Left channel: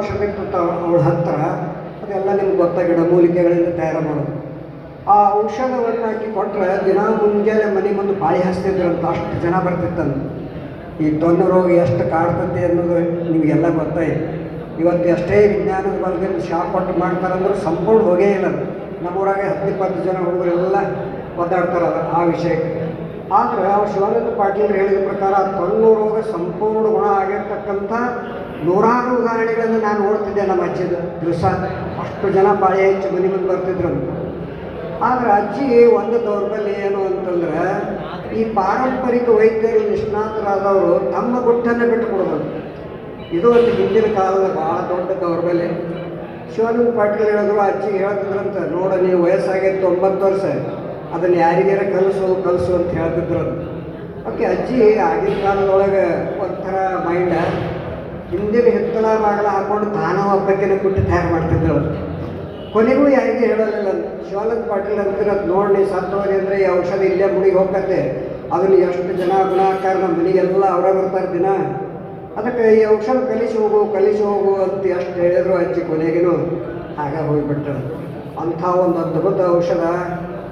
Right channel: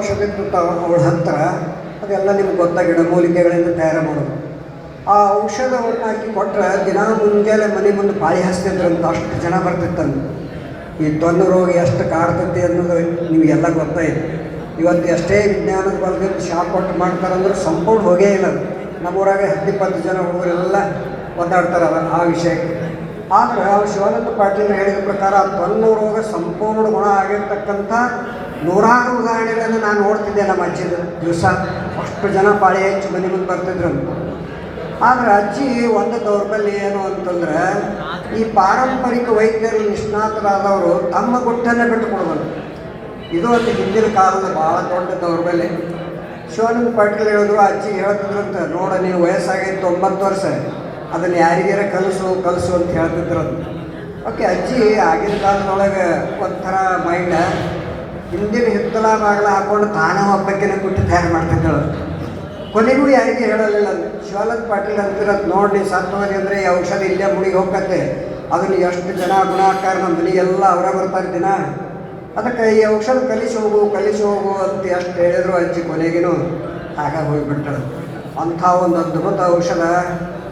ಔಷಧ ಅವಳ ಹತ್ತಿರ ಅದೆಲ್ಲ ನಿಮ್ಗೆ ಗೊತ್ತಾಗಿಡ ಮೂಲಿಕೆಗಳಿಂದ ತಯಾರು ಮಾಡೋದು. ಆ ಔಷಧವನ್ನು ಹಾಕಿ ಕೊಟ್ಟರೆ ದಿನ ಮುಂಜಾನೆ ಮನೆ ಮುಂದೆ ಬಾಯಿ ಹಚ್ತಿದ್ರಂತ ಅಷ್ಟು ಜನ ಬರ್ತಿತ್ತಂತ. ಈ ತೊನ್ನು ರೋಗ ಎಷ್ಟು ಕಾಡ್ತೈತಿ ಅನ್ನೋದು ನಿಮಗೆಲ್ಲ ಗೊತ್ತಾಯಿತು. ಇವತ್ತು ಎಷ್ಟೇ ವಿಜ್ಞಾನದ ಬಲದಿಂದ ಶಾಪ್ ಕೊಟ್ಟು ಮಾಡ್ತಾರಂದ್ರೆ ಸಂಪೂರ್ಣ ಹೋಗೇ ಇಲ್ಲ. ನಮ್ಮೂರಾಗ 10-20 ಜನ ಹುಡುಗರೆಲ್ಲ ಒದ್ದಾಡ್ತಾರೆ ಆ ವಿಷಯಕ್ಕೆ. ಆದರೆ ಅವ್ರು ಶಿವಾನಂದ ಪಾಟೀಲ್ ಹೇಳಿದ ಪ್ರಕಾರ ತೊನ್ನು ರೋಗ ಸಂಪೂರ್ಣ ಗುಣ ಆಗಿರ್ತಕ್ಕಂಥ ನೂರಾರು ಉದಾಹರಣೆಗಳನ್ನು ನಾನು ನೋಡ್ತಿದ್ದೆ ನಮ್ಮ ಅಜ್ಜಿದ ದಿವಸ. ಅಷ್ಟು ಜನ ಪಾಳಿ ಹೆಚ್ಚು ಮನೆ ಮುಂದೆ ಬರ್ತಿದ್ರು. ಆದರೆ ಅಜ್ಜಿ ಒಂದು ದೌರ್ಬಲ್ಯ ಏನು ಅಂತಂದ್ರೆ, ಈ ಪಾರಂಪರಿಕ ವೈದ್ಯರು ನಿಷ್ಣಾತರಾದವರು ತಮ್ಮ ಗುಟ್ಟನ್ನು ಬಿಟ್ಟುಕೊಡ್ಬೋದು. ಇದು ಒಂದು ಹಿಂದಿನ ಕಾಲದ ಭಾಳ ದೊಡ್ಡ ದೌರ್ಬಲ್ಯ. ಶಿವಾನಂದ ಪಾಟೀಲ್ ಹೇಳಿದ್ರು, ಅಜ್ಜಿಗೆ ಹೇಳ್ತಿದ್ರಂತ, ನೋಡ ನೀವು ವಯಸ್ಸಾಗೈತೆ 9 ವರ್ಷ, ಅದನ್ನು ಯಾರಿಗಾರ ಕಲಿಸು ಅಂತ ಹೇಳ್ತಿದ್ರು. ಓಕೆ, ಅಜ್ಜಿ ಆಗಿನ ಕಾಲದೊಳಗೆ ಒಂಥರ ಮೈಂಡ ಹಿಂದಿನ ಹಿತ್ತಲ ಬಾಗಿಲ ಹಾಕ್ಕೊಂಡು ತಾನ ಒಬ್ಬಕ್ಕಿನ ಬಿಟ್ಟು ತಯಾರು ಮಾಡ್ತಿದ್ದಳು. ಕೊನೆಗೂ ಯಾರಿಗೂ ಹೇಳಲಿಲ್ಲ. ಶಿವಾನಂದ ಪಾಟೀಲ್ ಅಂತಿರೋದು, ನೋಡಿ ಸತ್ತುವರಿ ಅಂದರೆ ಈ ಔಷಧ ಇಲ್ಲೇ ಮುಡಿಗೆ ಹೋಗತ್ತೆ, ಅದನ್ನು ಎಷ್ಟು ಜನ ಗುಣಾಕಾರ ನಮ್ಮ ಮನೆಗೆಲ್ಲ ಅವರೇ ಬರ್ತಾರೆ ದಿನ, ಅದಕ್ಕೆ ಈ ಔಷಧ ಕಲಿಸಿ ಹೋಗು ಅಂತ ಎಷ್ಟು ಹೇಳಿದ್ರು ಅಜ್ಜಿ ಕೊನೆಗೂ ಆಗ ಹೋಗಿಬಿಟ್ಟಳು. ಅಂಥ ಒಂದು ಅದ್ಭುತ ಔಷಧ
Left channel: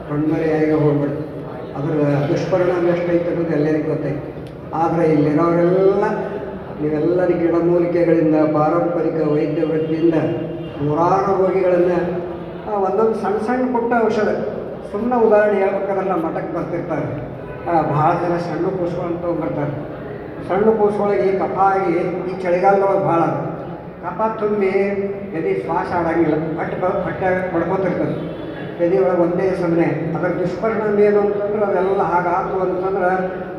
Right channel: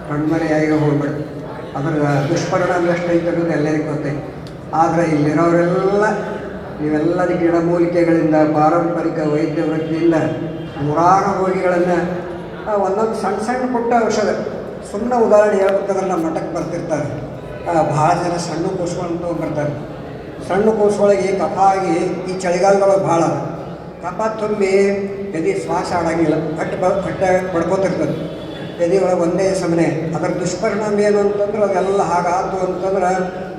ಕಣ್ಮರೆಯಾಗಿ ಹೋಗ್ಬಿಟ್ಟು ಅದರ ದುಷ್ಪರಿಣಾಮ ಎಷ್ಟೈತೆ ಅನ್ನೋದು ಎಲ್ಲರಿಗೂ ಗೊತ್ತೈತೆ. ಆದರೆ ಇಲ್ಲಿರೋರೆಲ್ಲ ನೀವೆಲ್ಲರ ಗಿಡಮೂಲಿಕೆಗಳಿಂದ ಪಾರಂಪರಿಕ ವೈದ್ಯ ವೃತ್ತಿಯಿಂದ ನೂರಾರು ರೋಗಿಗಳನ್ನು ಒಂದೊಂದು ಸಣ್ಣ ಪುಟ್ಟ ಔಷಧ, ಸುಮ್ಮನೆ ಉದಾಹರಣೆ ಹೇಳ್ಬೇಕಾದ್ರೆ ನಮ್ಮ ಮಠಕ್ಕೆ ಬರ್ತಿರ್ತಾರೆ. ಭಾಳ ಜನ ಸಣ್ಣ ಕೂಸ್ಕೊಂಡು ತೊಗೊಂಡ್ಬರ್ತಾರೆ. ಸಣ್ಣ ಕೂಸುಗಳಿಗೆ ಕಫ ಆಗಿ ಈ ಚಳಿಗಾಲದೊಳಗೆ ಭಾಳ ಕಫ ತುಂಬಿ ಎದೆ ಶ್ವಾಸ ಆಡಂಗಿಲ್ಲ, ಹೊಟ್ಟೆ ಬಡ್ಕೋತಿರ್ತದೆ. ಎದೆ ಒಳಗೆ ಒಂದೇ ಸಮನೆ. ಅದರ ದುಷ್ಪರಿಣಾಮ ಏನು ಅಂತಂದ್ರೆ ಅದೆಲ್ಲ ಹಾಗಾತು ಅಂತಂದ್ರೆ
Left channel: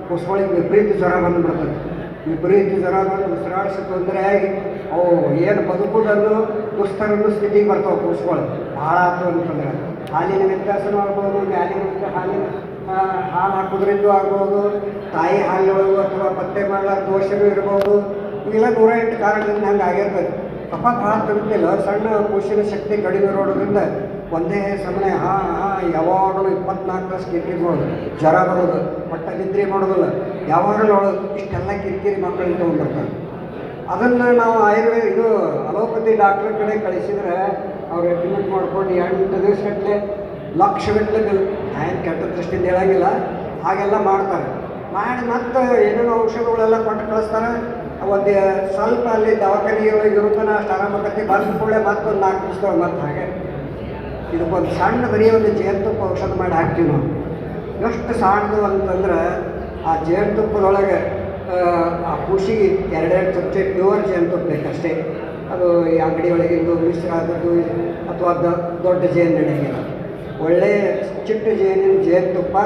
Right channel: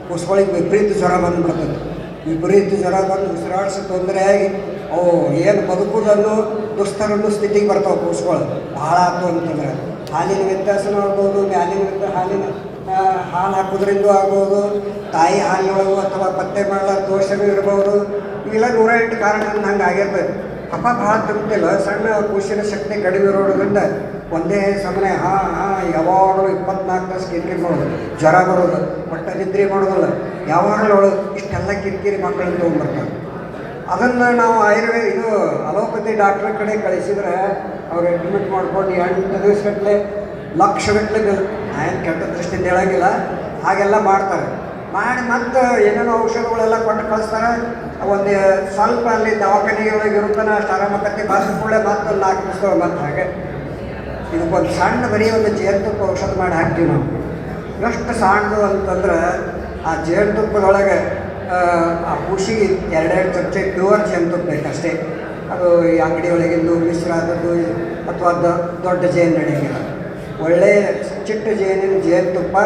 ಕೂಸುಗಳಿಗೆ ವಿಪರೀತ ಜ್ವರ ಬಂದುಬಿಡ್ತದೆ. ವಿಪರೀತ ಜ್ವರ ಬಂದು ಉಸಿರಾಡಿಸೋ ತೊಂದರೆ ಆಗಿ ಅವು ಏನು ಬದುಕುವುದನ್ನು ದುಸ್ತರನ್ನು ಸ್ಥಿತಿಗೆ ಬರ್ತಾವೆ ಕೂಸುಗಳು. ಭಾಳ ಆಯ್ತು ಅಂತಂದ್ರೆ ಹಾಲಿನ ವ್ಯತ್ಯಾಸನೂ ಆಗ್ಬೋದು, ಹಾಲು ಹಾಕೋದ್ರಿಂದ ಆಗ್ಬೋದು, ತಾಯಿ ಹಾಲಿನೊಳಗೂ ಅಥವಾ ಪತ್ತೆ ಮಾಡೋ ದೋಷವೂ ಇರ್ಬೋದು. ಇವೆಲ್ಲ 108 ಕಾರಣದಿಂದ ಹಂಗೆ ಆಗಿರ್ತದೆ. ಕಫ ಭಾಳ ತುಂಬಿಲ್ಲ, ಸಣ್ಣ ಕೂಸಿನ ಶಕ್ತಿ ಕಡಿಮೆ ಇರೋದ್ರಿಂದ ಒಂದೇ ಸಮನೆ ಯಾವಾಗಲೂ 24 ತಾಸು ಕಿರಿಕಿರಿ ಮಾಡೋದು, ಜ್ವರ ಬರೋದು, ಹೊಟ್ಟೆ ನಿದ್ರೆ ಮಾಡೋದಿಲ್ಲ, ಯಾವಾಗಲೂ ಇಷ್ಟೆಲ್ಲ ಕಿರಿಕಿರಿ ಮಕ್ಕಳನ್ನು ತೊಗೊಂಡ್ಬರ್ತಾರೆ. ಅದನ್ನು ನಾವು ಆಯುರ್ವೇದ ಅಲೋಪತಿ ಡಾಕ್ಟ್ರ ಕಡೆ ಕಳಿಸಿದ್ರೆ ಅವ್ರು ಎಕ್ಸ್ಪೆರಿಮೆಂಟ್ ಮಾಡ್ಕೊಂಡು 8 ದಿವಸಗಟ್ಟಲೆ ಲಕ್ಷಗಟ್ಟಲೆ ಏನು ಕೆಟ್ಟ ದೃಷ್ಟಿಯಿಂದ ಹೇಳೋಂಗಿಲ್ಲ, ಹಾಗೆಲ್ಲ ಮಾಡ್ತಾರೆ. ಮಾಡಿ ಮತ್ತು ಏನೇನೋ ಔಷಧಗಳೆಲ್ಲ ಕೊಟ್ಟು ಕಳಿಸ್ತಾರೆ. ಒಂದು ಸ್ವಲ್ಪ ಅಲ್ಲಿ ದವಾಖಾನೆಯೊಳಗೆ ಇರುತ್ತಾನೆ ಅಷ್ಟು ಆರಾಮಕತ್ತಿ ಬಂದ ಕೂಡಲೇ ಮತ್ತೊಂದು 4 ದಿವಸ ಮತ್ತು ಹಾಗೆ ಇದಕ್ಕೊಂದು ಸಣ್ಣ ಬರೀ ಒಂದು ಜೇನುತುಪ್ಪ ಔಷಧ ಮಾಡಿ ಹಾಕ್ತೀವಿ ನಾವು. ಎಷ್ಟು ಸಣ್ಣದು ಅಂತಂದ್ರೆ ಆ ಜೇನುತುಪ್ಪದೊಳಗೆ ಆ ಖುಷಿಗೆ 2 ಚಮಚೆ ಪ್ಯೂರ್ ಜೇನುತುಪ್ಪ ಬೇಕಷ್ಟೇ. ಅದು ಈ ಅಂಗಡಿ ಒಳಗಿಂದು ಮಿಶ್ರ ಆದದ್ದು ಅಥವಾ ದೊಡ್ಡ ಜೇನು ನಡೆಯಂಗಿಲ್ಲ. ಒಳ್ಳೆಯ ಚಿಟ್ಟು ಜೇನುತುಪ್ಪ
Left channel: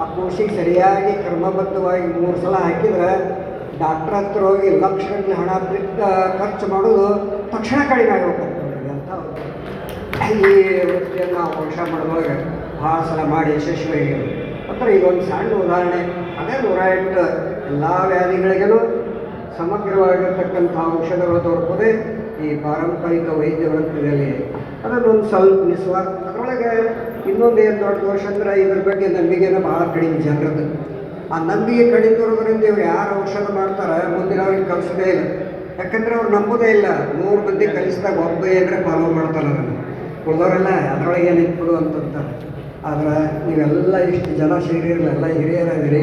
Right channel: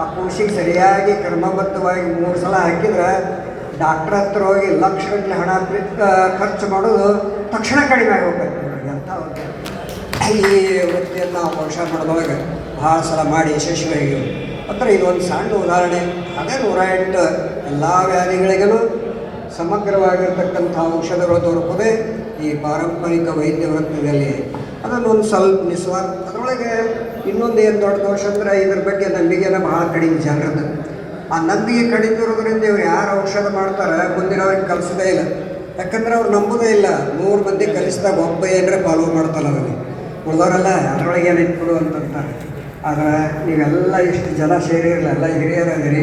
ಆ ಖುಷಿಗೆ ಸರಿಯಾಗಿ ಕ್ರಮಬದ್ಧವಾಗಿ 3 ಸಲ ಹಾಕಿದ್ರೆ ಡಾಕ್ಟ್ರ್ ಹತ್ರ ಹೋಗಿ ಲಕ್ಷಗಟ್ಟಲೆ ಹಣ ಖರ್ಚು ಮಾಡೋದು ತಕ್ಷಣ ಕಡಿಮೆ ಆಗಿ ಹೋಗ್ಬೇಕು. ಅಂತ ಈ ವೃತ್ತಿಯನ್ನು ನಾವು ಔಷಧ ಮಾಡೋದೊಳಗೆ ಭಾಳ ಸಲ ಮಾಡಿ ಯಶಸ್ವಿಯಾಗಿರು. ಅಂದರೆ ಇದೊಂದು ಸಣ್ಣ ಉದಾಹರಣೆ. ಅದೇ 108 ಎಲ್ಲ ವ್ಯಾಧಿಗಳಿಗೂ ಸಮಗ್ರವಾಗಿರ್ತಕ್ಕಂಥ ಔಷಧಗಳು ದೊರಕೋದೇ ಈ ಪಾರಂಪರಿಕ ವೈದ್ಯ ವೃತ್ತದಲ್ಲಿ. ಅದನ್ನು ಒಂದು ಸ್ವಲ್ಪ ನಿಸ್ವಾರ್ಥ. ಅದರೊಳಗೆ ಇನ್ನೊಂದು ಏನು ದೊಡ್ಡ ದೋಷ ಅಂದರೆ ಇದ್ರ ಬಗ್ಗೆ ನಂಬಿಕೆನ ಭಾಳ ಕಡಿಮೆ ಜನರದ್ದು. ಆ ನಂಬಿಕೆ ಕಡಿಮೆ ಇರೋದ್ರಿಂದ ಇವ್ರು ಯಾರು ಔಷಧ ಮಾಡ್ತಾರೆ ಮುಂದಿನವ್ರಿಗೆ ಕಲಿಸೋದೇ ಇಲ್ಲ. ಯಾಕಂದರೆ ಅವ್ರು ನಂಬೋದೇ ಇಲ್ಲ. 100 ಮಂದಿ ಕಲಿಸಿದಾಗ ಒಬ್ಬ ಏನರ ಫಾಲೋ ಮಾಡ್ತಾರೆ, ಅದನ್ನು ಉಳಿದವರೆಲ್ಲ ಅದರೊಳಗೆ ಏನಿತ್ತು ಬಿಡು ಅಂತಂತಾರೆ. ಆದರೆ ನೀವೆಲ್ಲ ಇಷ್ಟು ಜನ ಸೇರಿರಲಿಲ್ಲ, ಎಲ್ಲ ಹಿರಿಯರಾದಿರಿ,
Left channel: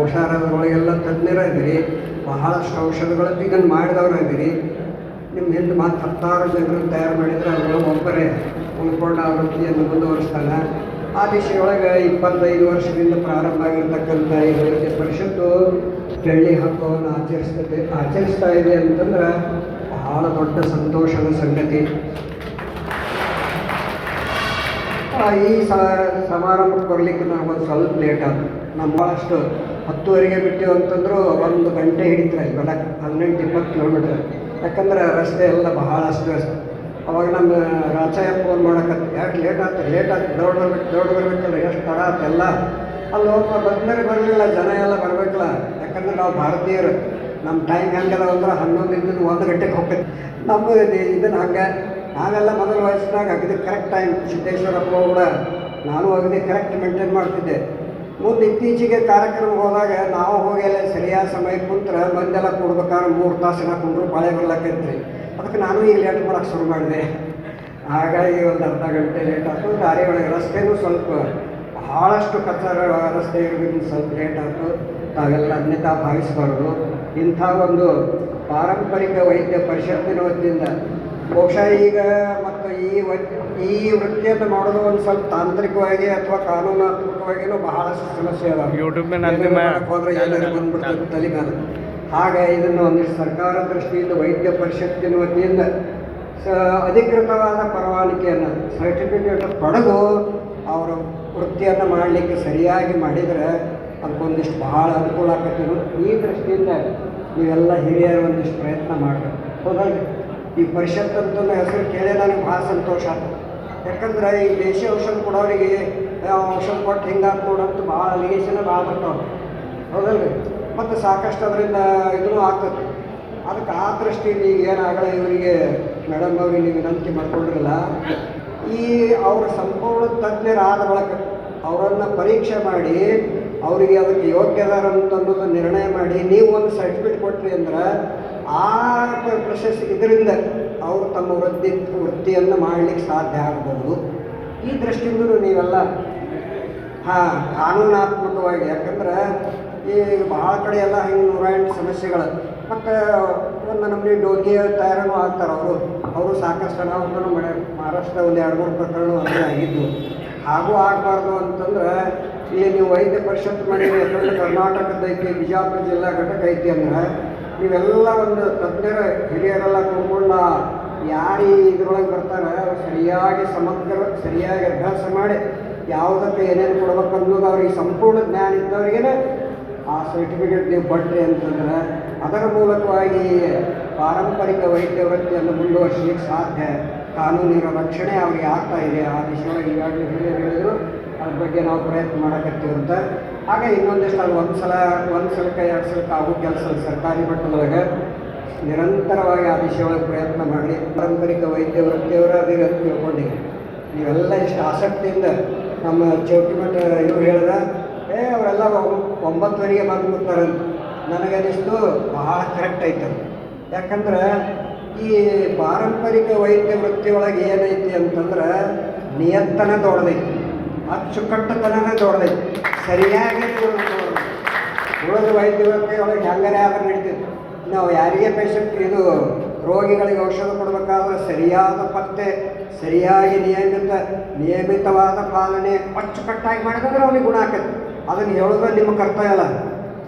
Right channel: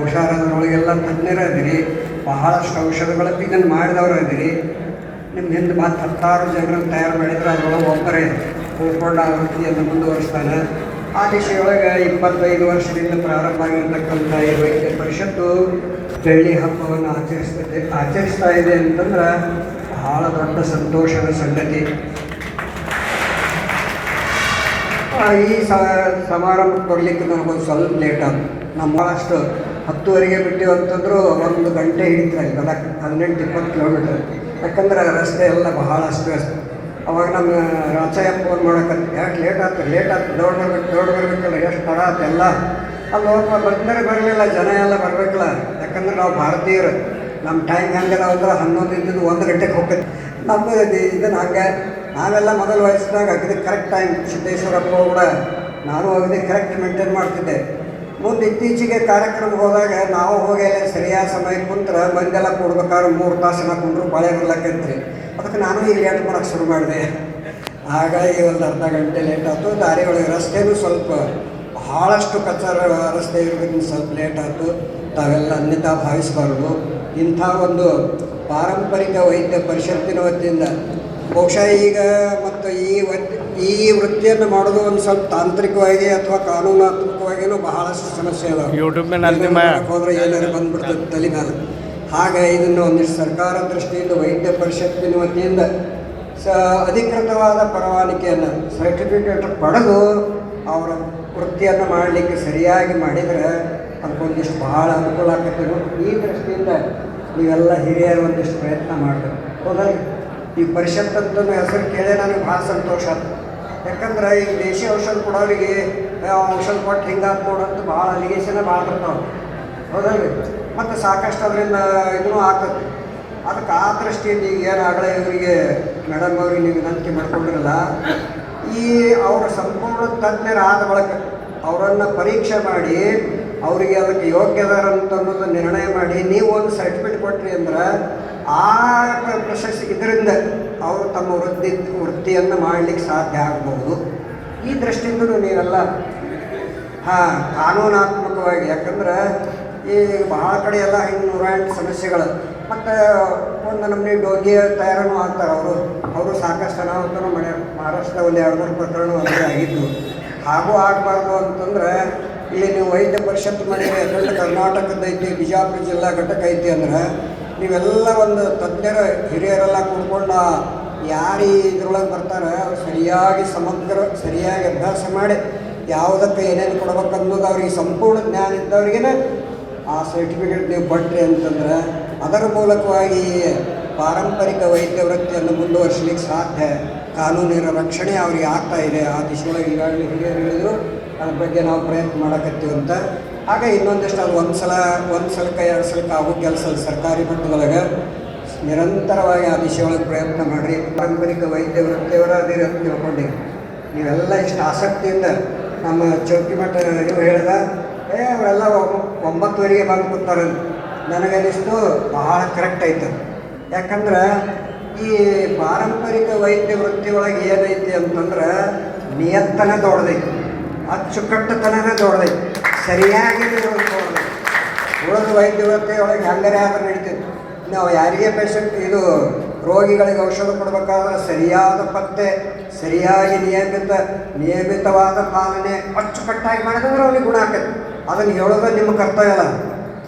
ಔಷಧದೊಳಗೆಲ್ಲ ತಜ್ಞರಾದಿರಿ, ಬಹಳಷ್ಟು ಔಷಧಗಳ ಇದನ್ನು ಮಾಡಿದವರು ಇದ್ದೀರಿ. ನಿಮ್ಮ ಹಿಂದೆ ಮತ್ತು 10 ಜನರನ್ನು ತಯಾರು ಮಾಡಿದರೆ ಅದರೊಳಗೆ ಒಬ್ಬರೇ ಉಳ್ಕೊಂಡು ಆ ವೃತ್ತಿಯನ್ನು ಮುಂದುವರಿಸ್ತಾನೆ. ಆ ದಿಶೆಯೊಳಗೆ 25 ವರ್ಷದಿಂದ ಪ್ರಾರಂಭ ಆಗಿರ್ತಕ್ಕಂಥ ಈ ವೈದ್ಯ ಪರಿಷತ್ತು ಬೆಳ್ಳಿ ಹಬ್ಬವನ್ನು ಆಚರಿಸ್ತಾ ಇದೆ ಅಂತಂದ್ರೆ ಬಹಳ ದೊಡ್ಡ ಸಂತೋಷದ ಸಂಗತಿ. ಈ ಸಮಾರಂಭಕ್ಕೆ ಬರಲಿಕ್ಕೆ ನಮಗೊಂದು ಸ್ವಲ್ಪ ಲೇಟ್ ಆಯ್ತು. ನಾವು ಭಾಳಷ್ಟು 10:30ಗೆ ಬಿಟ್ಟಿವಿ ಅಂತಂದರೂ 1 ಗಂಟೆ ಹಿಡಿತಾರೆ ಇಲ್ಲಿ ಬರಕ್ಕೆ, 18-20 ಕಿಲೋಮೀಟರ್. ಯಾಕಂದ್ರೆ ರಸ್ತೆ ಎಲ್ಲ ಬಹಳ ಅಸ್ತವ್ಯಸ್ತ. ಅವಾಗ ನಮ್ಮ ರಚಯ ಫೋನ್ ಮಾಡಕತ್ತಿ, ಯಾಕೆ ಲೇಟ್ ಆಯ್ತು ದೌಡ್ ಬರ್ಬೇಕಲ್ಲ, ಎಷ್ಟು ತಡ ಆಯ್ತು ಎಲ್ಲ. ಅಲ್ಲಿ ಹೋಗ್ತಾ ಬರಲಿಲ್ಲ, ಜನ ಎಲ್ಲ ಬರಬೇಕಲ್ಲ. ಯಾಕಂದ್ರೆ ನಾವು ಭಾರತೀಯರು, ನಮ್ಮ ಟೈಮ್ ಹೆಂಗೆಲ್ಲ ಅಂದ್ರೆ 11 1 ಗಂಟೆಗೆ ಹೋಗ್ತೈತಿ. ನಮ್ಮದು ಇದನ್ನು ಹಂಗೆ ನಾವೆಲ್ಲ ಮೊದಲು ವಯಸ್ಸಿನಾಗ ಅಗದಿ ಕರೆಕ್ಟ್ ಟೈಮ್, ಸಿದ್ದೇಶ್ವರಪ್ಪ ಕೂಡ ನಾನು ಅಗದಿ ಕರೆಕ್ಟ್ ಮೇಂಟೈನ್ ಮಾಡ್ತಿದ್ದೆ. ಮುಂದೆ ಇತ್ತೀಚೆಗೆ ಕಾರ್ಯಕ್ರಮ ಹೋದಾಗ ನಾವು ಹೋಗಿ ಸರಿಯಾದ ಸಮಯಕ್ಕೆ ಕುಂತ್ರೆ ಮಂದೆಲ್ಲ ಕೊಡ್ಬೇಕಾದ್ರೆ 3 ತಾಸು ಕುಂಡ್ರು ಬಾಳೆ ಬರ್ಲಕ್ಕಂತ್ರಿ. ಅದಕ್ಕೆ ಅದಕ್ಕೆ ನಾನು ಈಗ ಲೇಟ್ ಮಾಡೋಕ್ಕೆ ಶುರು ಮಾಡಿದೆ. ಹಾಗಾಗಿ ಒಂದು ಅರ್ಧ ಗಂಟೆ ಲೇಟ್ ಆಯಿತು. ದಾರಿ ಒಳಗೆ ರಸ್ತೆಯೂ ಸ್ವಲ್ಪ ಭಾಳಷ್ಟು ಕಚ್ಚರ ರಸ್ತೆ ಇರೋದಕ್ಕೆ ಸ್ವಲ್ಪ ಲೇಟ್ ಆಯಿತು. ತಾವೆಲ್ಲ ಅನ್ಯತಾ ಭಾವಿಸಬಾರ್ದು. ಇಂಥ ಒಂದು ಪಾರಂಪರಿಕ ವೈದ್ಯ ಪರಿಷತ್ತಿನ ವತಿಯಿಂದ ಬಹುಶಃ ಈಗ ಮತ್ತು ಈ ವೃತ್ತಿಯನ್ನು ಮಾಡೋದು ಒಂದು ಸ್ವಲ್ಪ ತಾಂತ್ರಿಕವಾಗಿ ಅಥವಾ ಕಾನೂನಾತ್ಮಕವಾಗಿಯೂ ಬಹಳಷ್ಟು ಸಮಸ್ಯೆ ಅದಾವೆ. ಹೋದರೆ ಏನಾದ್ರು ಬಂದ್ಬಿಡ್ತದೆ ತಲೆ ಮೇಲೆ. ಹಾಗೆ ಇದನ್ನು ಒಂದಿಷ್ಟು ಸರ್ಕಾರ ದೃಷ್ಟಿಯಿಂದ ವೈದ್ಯ ಪರಿಷತ್ತಿನ ವತಿಯಿಂದ ಅಧಿಕೃತವಾದ ಪರವಾನಗಿಯನ್ನು ಸರ್ಟಿಫಿಕೇಟ್ ಪಡೆದು ಅವರ ವೃತ್ತಿಯನ್ನು ಮಾಡಲಿಕ್ಕೆ ಸರಿಯಾಗಿ ಮಾಡಿದರೆ ಅದಕ್ಕೊಂದಿಷ್ಟು ಭಾಳ ಅನುಕೂಲ ಆಗತ್ತಿರು. ಈ ದೃಷ್ಟಿಯಿಂದ ನೀವೆಲ್ಲ ಹಿರಿಯರು ಒಂದಿಷ್ಟು ಪ್ರಯತ್ನ ಮಾಡಬೇಕು. ಹೌದಾಗಿ ಈ ಪರಿಷತ್ ಅಂತ ಹೆಸರು ಕೇಳಿ ನನಗೆ ಭಾಳ ಸಂತೋಷ. ಯಾಕಂದ್ರೆ ಈ ದೇಶಿ ಔಷಧ ಕೊಡೋರಿಗೆ ಔಷಧ ಕೊಟ್ಟು ಹಿಂಗಾತ್ ನೋಡಂತೂ ಭಾಳ ಅಲಿಗೇಷನ್ ಭಾಳ ಬರ್ತಾವೆ. ಹೌದಲ್ರಿ? ಮತ್ತು ಸಾಕಷ್ಟು ಅದರಿಂದ ಇದೂ ಆಗ್ತದೆ. ಅದಕ್ಕೆ ಆ ದೃಷ್ಟಿಯಿಂದ ಈಗ ಏನಾಗಲೇ ಇವರಿಗೆ ಮೇಡಮ್ ಅವ್ರಿಗೆ ನೀವು ವಿನಂತಿ ಮಾಡ್ಕೊಂಡಿರಲ್ಲ, ಈ ಅವರ ಸಂಪೂರ್ಣ ತಜ್ಞರಾದ ಬಳಿಕ ಅವರನ್ನು ಪರೀಕ್ಷೆ ಮಾಡಿ ಅವರಿಗೆ ಅದಕ್ಕೆ ಯೋಗ್ಯದಾರಂತ ಅನ್ನೋದು ನಿರ್ಣಯ ಮಾಡಿ ನೀವು ಒಂದು ಸರ್ಟಿಫಿಕೇಟ್ ಕೊಟ್ರಿ ಅಂದ್ರೆ ಆ ಪ್ರಶಸ್ತಿ ಇದರಿಂದ ಅವರು ತಮ್ಮ ವೃತ್ತಿಯನ್ನು ಮಾಡಲಿಕ್ಕೆ ಸಾಧ್ಯ ಆಗ್ಬೋದು. ಈ ದೃಷ್ಟಿಯಿಂದಲೂ ನೀವೆಲ್ಲ ಕಾನೂನಾತ್ಮಕವಾಗಿ, ಯಾಕಂದ್ರೆ ಈ ಭಾಳ ಕಡೆ ಎಲ್ಲ ಹಿಂಗೆ 108 ಸಮಸ್ಯೆಗಳು ಮತ್ತು ಒಂದು ನಮ್ಮನೆ ಡೋಗಿಯ ತಯಾರನ್ನು ಆಗ್ತಾರೆ. ಅವರು ಸಾಕಷ್ಟು ಅನಾಹುತನೂ ಮಹಾರಾಷ್ಟ್ರದ ಒಂದು 2-3 ಪ್ರಕರಣ ಒಂದೇ ಆಗಿದ್ದು. ಹಾಗೂ ಆಗಬಾರ್ದು ಅಂತಂದ್ರೆ ಇಲ್ಲಿ ನೀವು ವೈದ್ಯ ಪರಿಷತ್ ಮಾಡಿದ್ರೆ ಯಾಕಂದ್ರೆ ಕರ್ನಾಟಕದ ಐತಿ, ಬಿಜಾಪುರ ಜಿಲ್ಲಾ ಘಟಕ ಐತಿ ಅಂದ್ರೆ ನೀವೆಲ್ಲ ಒಂದು ತಜ್ಞರ ಹಿರಿಯರೆಲ್ಲ ಕೂತ್ಕೊಂಡು ಯಾರು ಇದ್ರೊಳಗೆ ಬರ್ತಾರೆ ಅವ್ರು ಸರಿಯಾಗಿ ಅಭ್ಯಾಸ ಮಾಡಿ ಯಾವುದಕ್ಕೆ ಏನೇನು ಕೊಡ್ಬೇಕು ಅನ್ನೋದು ಅವ್ರಿಗೆ ಸಂಪೂರ್ಣ ಜ್ಞಾನ ಇದ್ದವ್ರಿಗೇ ಆ ಸರ್ಟಿಫಿಕೇಟ್ ನೀವು ಕೊಟ್ರಿ ಅಂತಂದ್ರೆ ಅದರ ಮೂಲಕವಾಗಿ ಪಾರಂಪರಿಕ ವೈದ್ಯ ವೃತ್ತಿಯನ್ನು ಮುಂದುವರಿಸಲಿಕ್ಕೆ ಸಾಧ್ಯ. ಕಾನೂನಿನ ರಕ್ಷಣೆ ಅವ್ರಿಗೆ ಆಗ್ತಾ ಇದೆ. ಆ ದಿಶೆಯೊಳಗೆ ಈಗಾಗಲೇ ಹಿರಿಯರು ಹೇಳಿದ್ರು ಅದ್ರ ಬಗ್ಗೆ ನಾವು ಪ್ರಯತ್ನ ಮಾಡಕತ್ತೀವಿ ಅಂತ. ಹಾಗೆ ಇನ್ನೊಂದಿಷ್ಟು ಅದು ಒಂದು ಸಲಕ್ಕೆ 2 ಸಲಕ್ಕೆ ಆಗೋ ಕೆಲಸ ಸರ್ಕಾರಿ ಮಟ್ಟದೊಳಗೆ ನಿರಂತರವಾಗಿ ಆ ದಿಶೆಯೊಳಗೆ ಪ್ರಯತ್ನ ಮಾಡಿರಿ. ಪಾರಂಪರಿಕ ವೈದ್ಯ ವೃತ್ತಿಯವರ ಅದೇ ಅಂತ ತಿಳ್ಕೊಂಡಿವಿ. ನೀವೆಲ್ಲ ಇಷ್ಟು ಆಸಕ್ತಿಯಿಂದ ನಮ್ಮ ಚೌಕಿ ಮಠ ಇದು ಹೇಳಿದ ಅವರೆಲ್ಲ 9:30ಗೆ ಬಂದು ಕೂತಾರೆ. ನನಗನ್ನಿಸ್ತು ಭಾಳ ಕರೆಕ್ಟ್ ಐತೆ. ಯಾಕಂದ್ರೆ ಈ ಪಾರಂಪರಿಕ ವೈದ್ಯ ವೃತ್ತಿಯೊಳಗೆ ಏನೈತಿ ಅಂತಂದ್ರೆ ನಿಯತ್ತನ ದೊಡ್ಡದೈತಿ, ಅಚ್ಚುಕಟ್ಟುತನನೇ ದೊಡ್ಡದೈತಿ, ಸರಿಯಾಗಿ ಉಳಿದ ವೈದ್ಯ ವೃತ್ತಿಯೊಳಗೆ ಹೆಂಗಾರೆ ಆದ್ರೆ ನಡೀತೈತಿ. ನಾವು ಯಾರಿಗೆ ಪೇಷಂಟ್ ರೋಗಿಗಳಿಗೆ ಔಷಧ ಕೊಡಬೇಕಾದ್ರೆ ಸರಿಯಾದ ಪತ್ತೆ, ಸರಿಯಾಗಿ ನಿಯಮಿತವಾದ ಪಾಲನೆ ಅಚ್ಚುಕಟ್ಟಾಗಿ ಮಾಡಿದ್ರೆ ಅವ್ನಿಗೆ ಗುಣ ಆಕೈತಿ. ಅದನ್ನು ಹೇಳೋದ್ರೆ ನಿಮ್ಮ ಕರ್ತವ್ಯ ಅಲ್ಲ.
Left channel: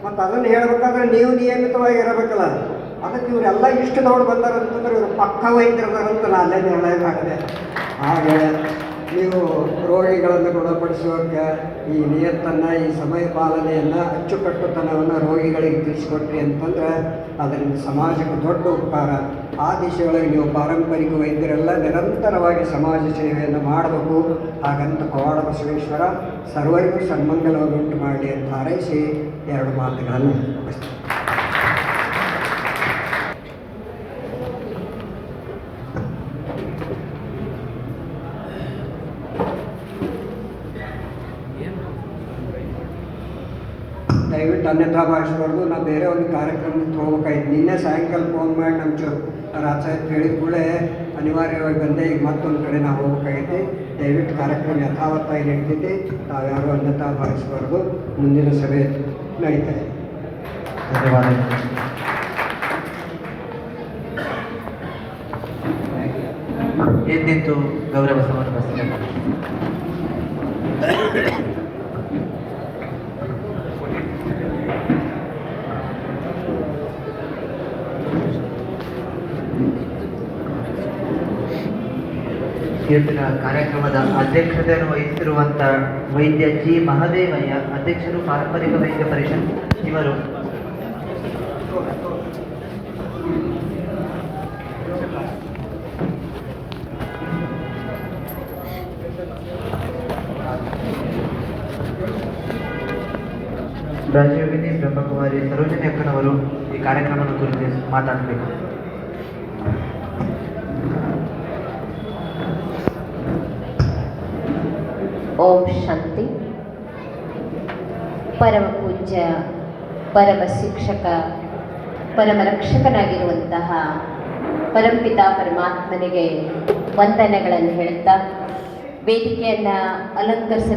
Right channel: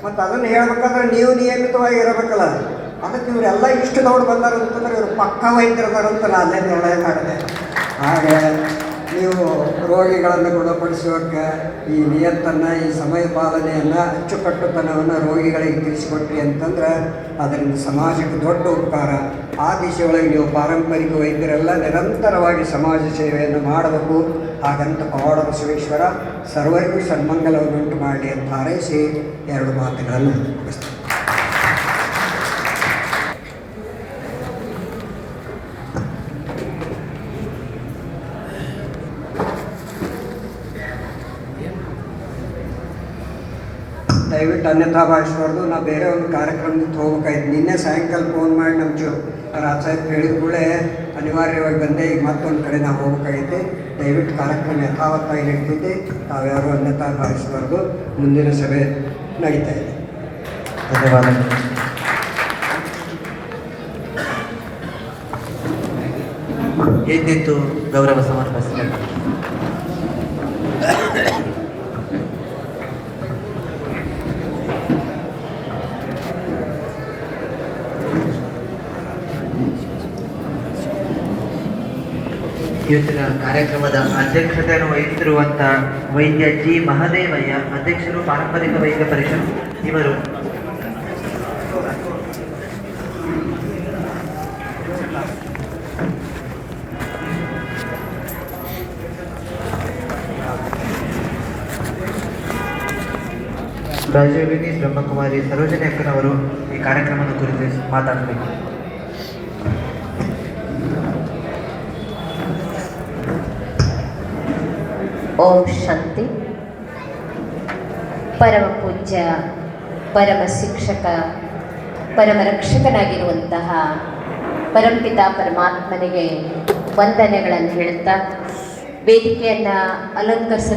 ಮತ್ತು ಅದನ್ನು ಹೇಳಬೇಕಾದ್ರೆ ನೀವು ನಿಯಮಿತವಾಗಿ ಇರಬೇಕಲ್ಲ. ಅದಕ್ಕೆ ಇವರೆಲ್ಲ ಇಷ್ಟು ದೊಡ್ಡ ಬಂದಾರಂತಂದ್ರೆ ಇವರು ಪಕ್ಕ ವೈದ್ಯರದಾರಂತ ನಾನೇ ನಿರ್ಣಯ ಮಾಡಿದೆ. ಹಾಗೆ ನೀವು ರೋಗಿಗಳನ್ನು ಗುಣಪಡಿಸೋಕೆ ಈ ನಿಯತ್ತನ್ನು, ಈ ಸಮಯ ಪಾಲನೆಯನ್ನು, ಅಚ್ಚುಕಟ್ಟುತನವನ್ನು ರೋಗಿಗಳಿಗೆ ತಿಳಿಸಿಕೊಟ್ರಿ ಅಂತಂದ್ರೆ ಅದರಿಂದ ಸಮಾಜಕ್ಕೆ ದೊಡ್ಡ ಉಪಕಾರ. ಆ ದಿಶೆಯೊಳಗೆ ನೀವು ಪಾರಂಪರಿಕ ವೈದ್ಯರೆಲ್ಲ ನಿರಂತರವಾಗಿ ಸಮಾಜ ಸೇವೆಯನ್ನು ಮಾಡಬೇಕು. ಹಾಗಂತ ಪವಾಡ ಬಸವೇಶ್ವರ ಸರ್ವರಿಗೂ ಸನ್ಮಂಗಲವನ್ನುಂಟು ಮಾಡಲಿ ಅಂತ ಹಾರೈಸಿ 2 ಮಾತುಗಳನ್ನು ಮುಗಿಸ್ತೀನಿ. ದಯವಿಟ್ಟು ಅನ್ಯತಾ ಭಾವಿಸಬಾರ್ದು. ನಾವು ಬೇರೆ ಒಂದು ಕಾರ್ಯಕ್ರಮಕ್ಕೆ ಹೋಗ್ಬೇಕಾಯ್ತು. ನಿನ್ನೆ ಸಾಯಂಕಾಲ ಫೋನ್ ಮಾಡಿ ನಮ್ಮ ರಾಸಾಯನಿಕ ಹೇಳಿದ ಕೂಡಲೇ ಅನಿವಾರ್ಯವಾಗಿ ಬಂದೆ. ಈಗ ಮತ್ತೊಂದು ಕಡೆ ನಾವು ಹೋಗ್ಬೇಕಾಗೈತಿ. ದಯವಿಟ್ಟು ಕಾರ್ಯಕ್ರಮ ಯಥಾವತ್ತಾಗಿ ನಡೀತೈತಿ. ನಾವ್ಯಾರು ಅನ್ಯತಾ ಭಾವಿಸಬಾರ್ದು. ಮುಂದಿನ ಸಭೆ ನಡೀತಾ ಇದೆ. ಧನ್ಯವಾದಗಳು. ಏನಿತ್ತು ಗೌರವ ಸಮರ್ಪಿಸಬೇಕು. ಇವತ್ತಿನ ಕಾರ್ಯಕ್ರಮದ ಅಧ್ಯಕ್ಷತೆಯನ್ನು ವಹಿಸಿರುವಂಥ ವೈದ್ಯ ಜಿ ಮಹದೇವಯ್ಯ, ಅಧ್ಯಕ್ಷರು ಪಾರಂಪರಿಕ ವೈದ್ಯ ಪರಿಷತ್. ಇವರು ರಾಜೀವಿನಿ ಬ್ರಹ್ಮಕುಮಾರಿ ಸರೋಜಿನಿ ಅಕ್ಕನವರು ಈ ಕಾರ್ಯಕ್ರಮದ ಕುರಿತು ಮಾತಾಡಬೇಕು. ಓಂ ಶಾಂತಿ. ಪರಮ ಪೂಜ್ಯ, ಪರಮ ಶಿಕ್ಷಕ, ಪರಮ ರಕ್ಷಕನಾಗಿರುವಂತಹ ಪರಮಪಿತ ಪರಮಾತ್ಮನಿಗೆ ವಂದನೆಗಳನ್ನು ಹೇಳ್ತಾ ವೇದಿಕೆಯನ್ನು ಅಲಂಕರಿಸ